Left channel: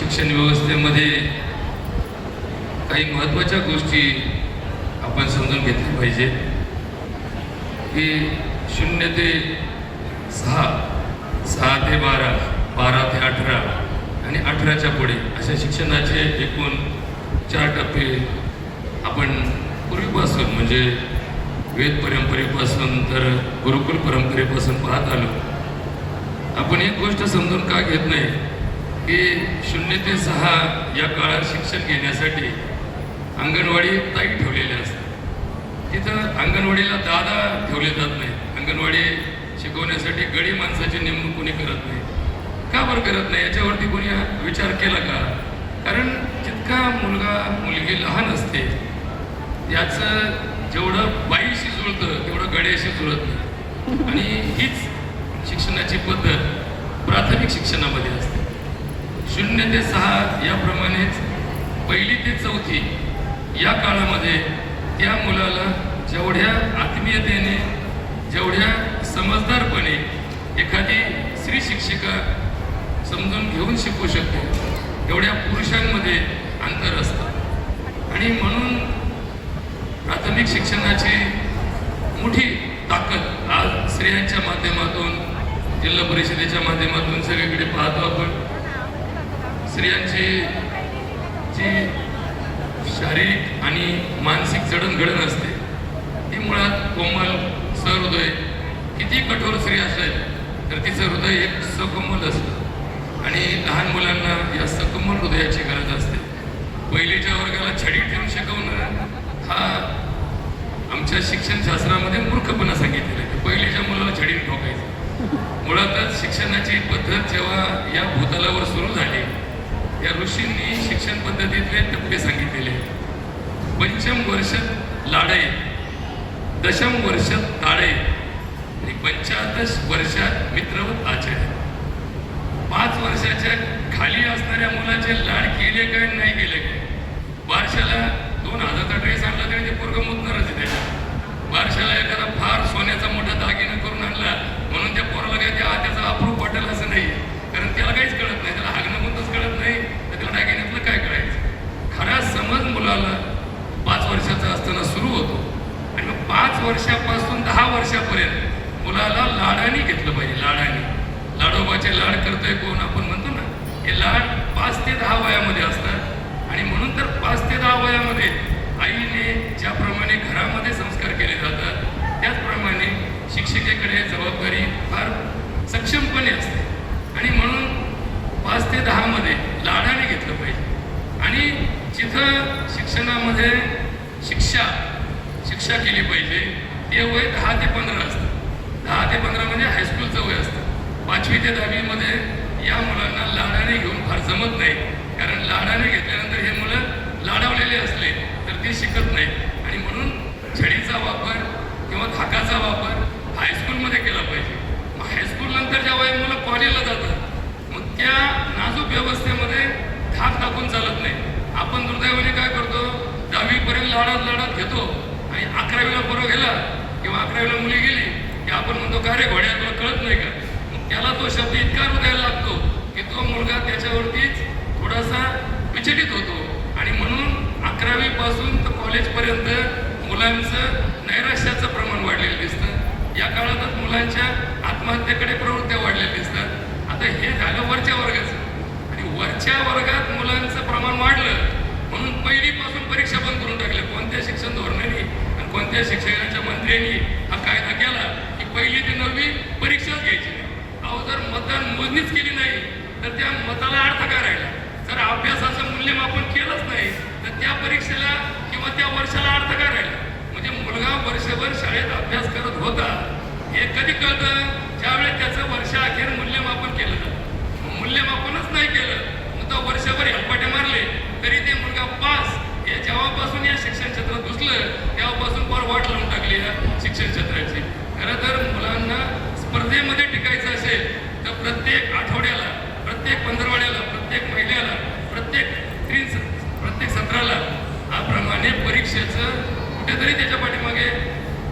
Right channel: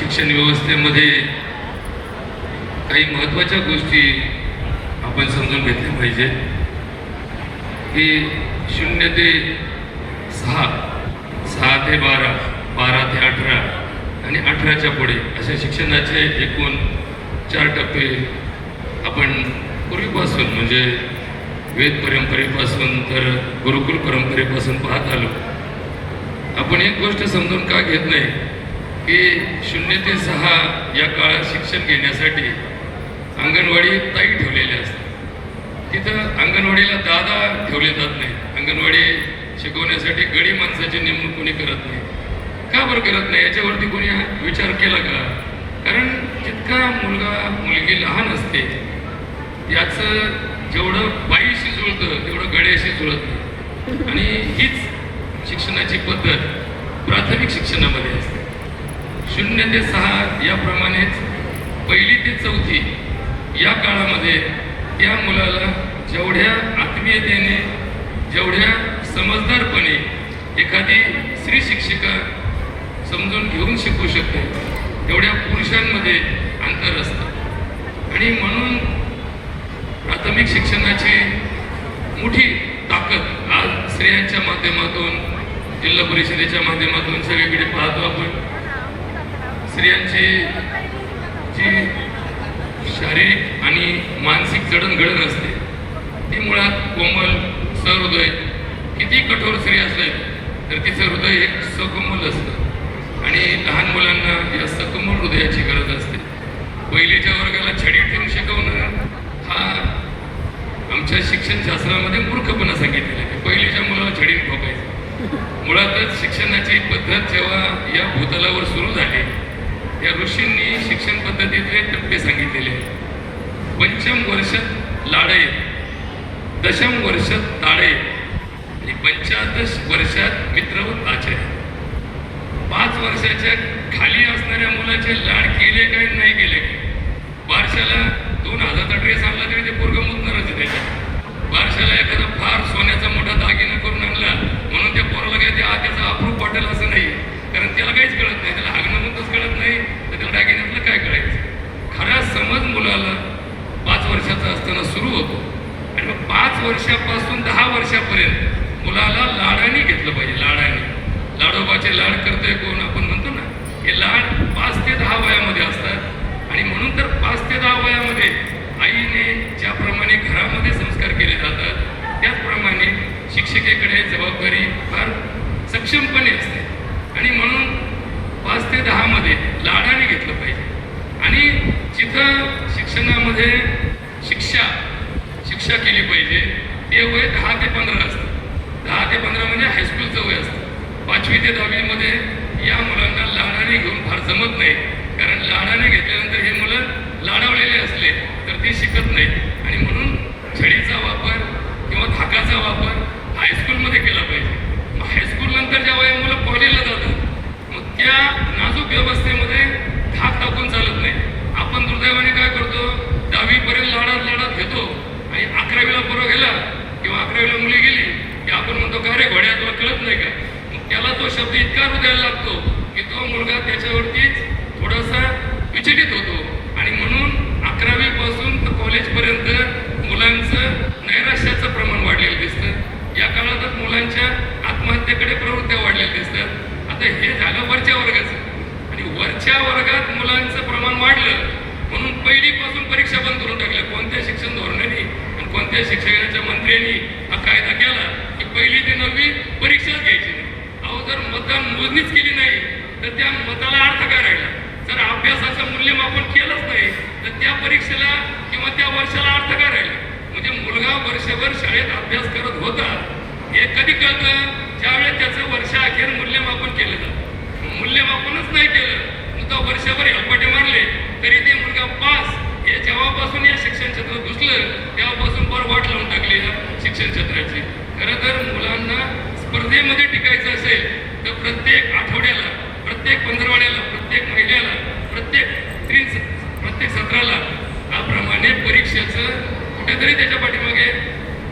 शिक्षण व्यवस्थेमध्ये काही महत्त्वाच्या गोष्टी आपण समजून घेतल्या पाहिजे की 0 ते 6, 6 ते 12, 12 ते 18 आणि 18च्या पुढे अशा शिक्षणाचे एकूण 4 टप्पे आपण पूर्वीपासून म्हणजे वेद परंपरेपासून तर गुरुकुल परंपरेपासून पाहत आलो. आपण एक गोष्ट समजून का घेत नाही की 0 ते 6 या काळात शिक्षण घेण्यासाठी अंगणवाडी ताई ठेवलेल्या असतात. तिथं अंगणवाडीला दादा ठेवले जात नाही. अंगणवाडी शिकवण्यासाठी गडी माणसाची नेमणूक कोणी करत नाही. का बरं करत नाही याच्यावरती कोणी विचार केला का? कारण जितका मुलगा मुलगी लहान असते याचं जेवढं बाईशी जुळतं तेवढं गड्याशी जुळत नाही. आणि हीच शिक्षणाची पद्धत प्राथमिक शिक्षणामध्ये असते. 0 ते 6 याप्रमाणेच 1ली ते 4थी या काळामध्ये त्या मुलाला जेवढ्या आत्मीयतेने जेवढ्या समजदारपणे एखादी स्त्री शिक्षिका समजून घेऊन शिकू शकते तेवढ्या पुरुषांमध्ये अंतर असतं. आणि म्हणून प्राथमिक शिक्षणाची मोठी ताकद आज स्त्रियांच्या माध्यमातून जिल्हा परिषदेच्या माध्यमातून सगळीकडे पाहतो आपण. स्त्रियांची जी शारीरिक आणि मानसिक जडणघडण असते ती मुळात कोमल सहृदय. किती कठोर स्त्री असेल तर तिचं हृदय एक सकोमल असतं आणि लहान मुलांना या सकोमल हृदयाची गरज असते. 1लीच्या वर्गाला छडी ठेवून शिकवणं हा आमच्या शिक्षण शास्त्रामध्ये मूर्खपणा सांगितलेला आहे. 1लीच्या मुलाला छडीने ठोकायचं. मुळातच शिक्षणाची पद्धत जेव्हा या भूतलावर सुरू झाली या ऋषींनी शिक्षण पद्धतीतले टप्पे सांगितलेले. 5म वर्षात लाडे, 10म वर्षात ताडे आणि 85 वर्षात मित्र व आचार्य. 5 वर्षाच्या खाली असणाऱ्या मुलाचे लाड केले काय नाही केले काय? बारशाला 2000चा ड्रेस आणला तरी ते पोरगं मुतणारच आहे त्याच्या. बारशाला एखादा फार सोन्याचा मोठा दागिना करून आणला म्हणून त्या पोराला काय त्याचा अप्रूप वाटेल असं नाही. कारण त्याला काहीच कळत नाही. त्याला हागणं म्हणतच कळत नाही तर त्याला दागिन्यातलं काय कळायचं. खरा समज मुलाला 5 वर्षाचा असताना सुरू होतो आणि मग 5 वर्षापासून 10 वर्षापर्यंत मुलाला लाडाने घेतलं पाहिजे. लाडाने लाडोबाचे लाड करतोय कोण आपण म्हणतो ना, हे लाड 5 ते 10 वयामध्ये असतात. आणि म्हणून तर 5 ते 10 वयामध्ये आईने ज्याप्रमाणे घरामध्ये संस्कार केले जातात त्याचप्रमाणे शिक्षिकेकडे जबाबदारी फार सक्षमपणे असते. आणि म्हणून 5 ते 10 मध्ये लाडाने घेतलं पाहिजे. आणि जिथं शिक्षणामध्ये शिक्षा केली पाहिजे ते वय 10 ते 15 असतं. 10 ते 15 म्हणजे हायस्कूलचं वय असतं. 5वी ते 10वी मध्ये या मुलांना लाडाने घेऊन फार जमत नाही. कारण लाडाने घेतल्यानंतर हे मुलं लाडावलेले असले तर ते शिकत नाही. आणि म्हणून छडीचा वापर किंवा धाकाचा वापर हायस्कूलमध्ये केला पाहिजे. मग हायस्कूल नंतर जेव्हा मुलं कॉलेजला जातात मग त्या नाजूक व्यवस्थेमध्ये धाक टाकून चालत नाही. आपण दुर्दैवाने काय करतो, 10वी पर्यंत लाडात घेतो आणि 11वीला पोरं गेला किंवा 11वीला मुली गेली की आपण म्हणतो का रे घोड्या तुला कळत नाही का? मग त्याला तो शब्द इतका हृदयाला लागतो की तो मुलगा त्याच्यावरतीच थोडासा विचलित होतो. आणि म्हणून 11वी पासून तर कॉलेजपर्यंत मुलांचं नैराश्याचं प्रमाण वाढलेलं दिसतं. या काळातच मुलांच्या आत्महत्येकडे प्रवृत्त्या वाढलेल्या दिसतात. आता हे झालं वरच्या वर्गाचं. आणि वरच्या वर्गात मुलांचं प्रमाण वाढलं म्हणून 1ली पासून परीक्षा बंद करून टाकल्या. कोणत्या शिक्षण धोरणाने आणि कोणत्या शिक्षणाच्या मंत्र्यांनी हा कायदा केला की 1ली ते 9वी परीक्षाच घ्यायची नाही. अहो, जर मतदान मोजणीच केली नाही तर त्या मताला अर्थ काय राहिला? जर अभ्यासाचं मूल्यमापन केलंच नाही तर त्या परीक्षेला किंवा त्या वर्षाला अर्थ काय राहिला? म्हणजे मुलगा वर्षभर शाळेत अभ्यास करत होता हे कधी कळतं? ज्यावेळेस त्याचं वर्षाअखेर मूल्यमापन केलं जातं. मूल्यमापनच नाही केलं नुसतं वर्षभर हेलपाटे मारले तरी ते मुलगा पास. हे जेव्हापासून या शिक्षण क्षेत्रात घुसलं तेव्हापासून फार वाट लावून टाकली या शिक्षण क्षेत्राची. खरं तर मुलांना स्पर्धेमध्ये टिकायचं असेल तर प्रत्येक आठवड्याला, प्रत्येक पंधरवाड्याला, प्रत्येक महिन्याला, प्रत्येक सत्राला याप्रमाणे परीक्षेचं कुठेतरी त्याच्या पाठीमागे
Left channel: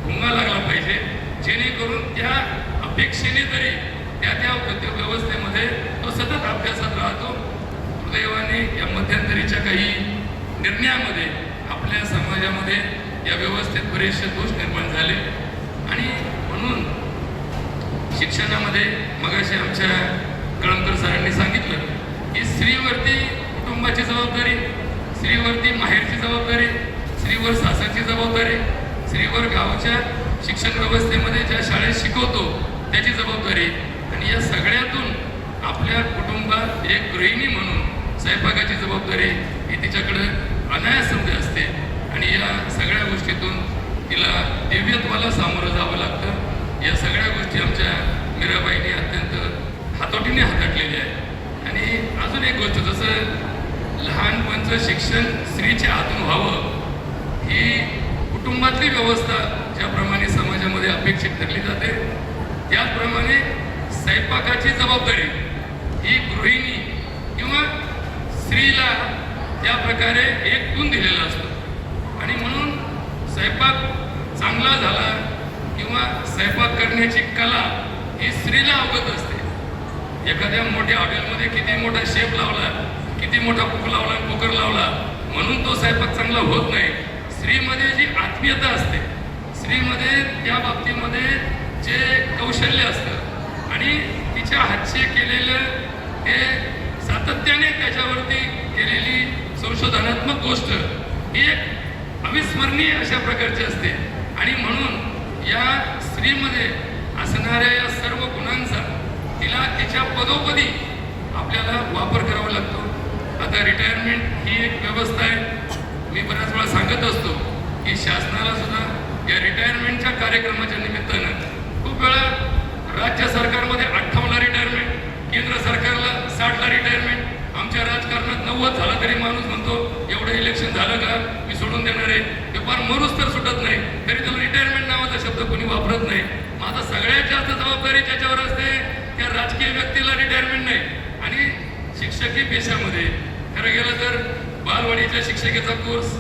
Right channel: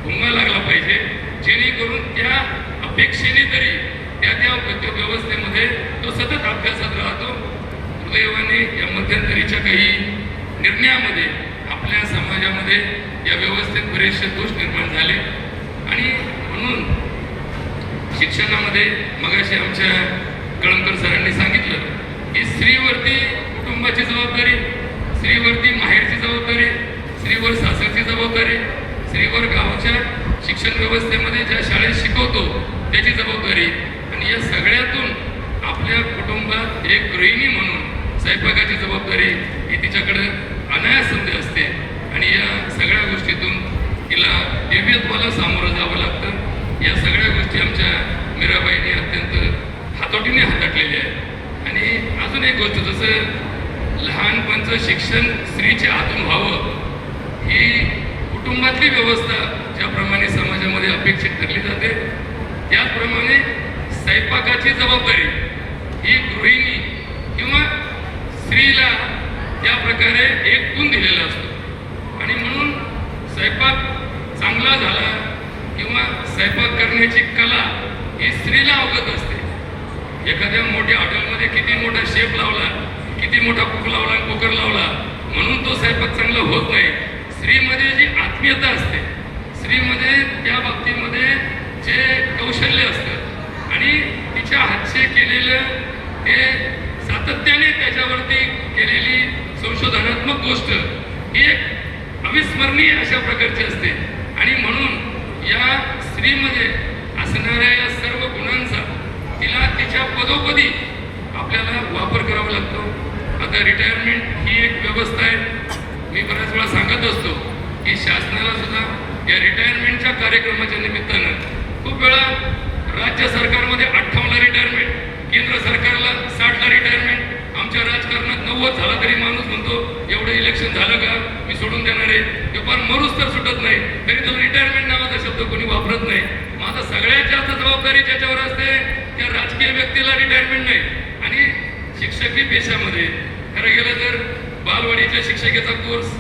भुंगा लागला पाहिजे. जेणेकरून त्या अपेक्षेने तरी त्या व्यवस्थेमध्ये तो सतत अभ्यासात राहतो सुदैवाने या मध्यंतरीच्या काही निर्णयामध्ये आपल्या समाजामध्ये या व्यवस्थेत बरेचसे दोष निर्माण झाले आणि म्हणून शिक्षणामध्ये मगाशी आमच्या कळमकर सरांनी सांगितलं की स्त्रीवरती कुटुंबाची जबाबदारी, स्त्रीवरती माहेरची जबाबदारी, स्त्रीवर सासरची जबाबदारी, स्त्रीवर गावच्या शिक्षण व्यवस्थेमध्ये ज्या शाळेत शिकवतो त्याची जबाबदारी आणि या सगळ्यातून आपल्या कुटुंबात एक गृहिणी म्हणून स्वयंपाकाची जबाबदारी ही तिच्याकडं अनायासमध्ये असते आणि या सगळ्या गोष्टीतून तिला दिव्यत्वाला सामोरं जावं लागतं. या सगळ्या गोष्टी आमच्या मीराबाईंनी अत्यंत हातोटीने हाताळलेल्या आहेत. आणि अजून एक गोष्ट, जसं लहानपणचं शिक्षण स्त्रीच्या हातून व्हावं ही कुटुंबातली व्यवस्था ज्याप्रमाणे समाजामध्ये अपेक्षित ठरली जाते त्याचप्रमाणे स्वयंपाकाची जबाबदारी ही गृहिणी किंवा स्त्रीला त्या प्रकारे एक गुण दिलेला असतो आणि म्हणून स्वयंपाक चांगला झाला किंवा स्वयंपाक करण्याची कला ही स्त्रीला अवगत असते. एखाद्या मोठ्या हॉटेलमध्ये किती मोठा शेफ लावला, किती मोठा कुक लावला, कुकर लावला म्हणून तो स्वयंपाक चांगला होत नाही. स्त्रीमध्ये जी आत्मीयता असते, स्त्रीमध्ये त्या बाबतीमध्ये जे कौशल्य असतं आणि तिच्या हातचे केलेलं ते सातत्याने त्याच्यावरती केलेली संशोधनात्मक गोष्ट ही एक अविस्मरणीय अशा प्रकारची असते आणि म्हणून या स्त्रीमध्ये असणाऱ्या या सर्व गुणांचा तिला तिच्या पदोपदी आपल्याला वापर करावा लागतो. आता रिटायरमेंट ही एक व्यवस्था आहे. मी बऱ्याच वेळा सांगत असतो की शासनाला सुद्धा या रिटायरमेंटच्या कार्यक्रमाच्या निमित्तानं खूप वेळा राज्य सरकारमध्ये 58ला रिटायरमेंट, केंद्र सरकारला 60ला रिटायरमेंट, आमच्या राजकारणात 90 झाला तरी माणूस म्हणतो एवढं इलेक्शन झालं का मी सोडून देणार आहे, ते फार मरूच तर सुटत नाही, तरी तो रिटायरमेंट नावाचा शब्द कोणी वापरत नाही. माझा सगळ्यात जास्त जबाबदारी ज्याच्यावर असते त्या राजकीय व्यक्तीला रिटायरमेंट नाही. आणि शिक्षकी पेशामध्ये खरं गेलं तर बालवाडीच्या शिक्षकेचा कोर्स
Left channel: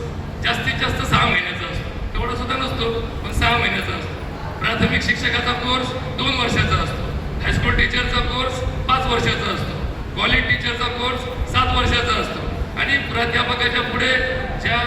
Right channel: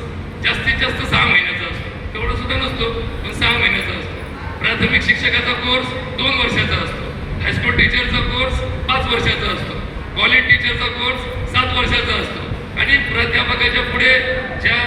जास्तीत जास्त 6 महिन्याचा असतो, तेवढा सुद्धा नसतो पण 6 महिन्याचा असतो. प्राथमिक शिक्षकाचा कोर्स 2 वर्षाचा असतो, हायस्कूल टीचरचा कोर्स 5 वर्षाचा असतो, कॉलेज टीचरचा कोर्स 7 वर्षाचा असतो आणि प्राध्यापकाच्या पुढे ज्या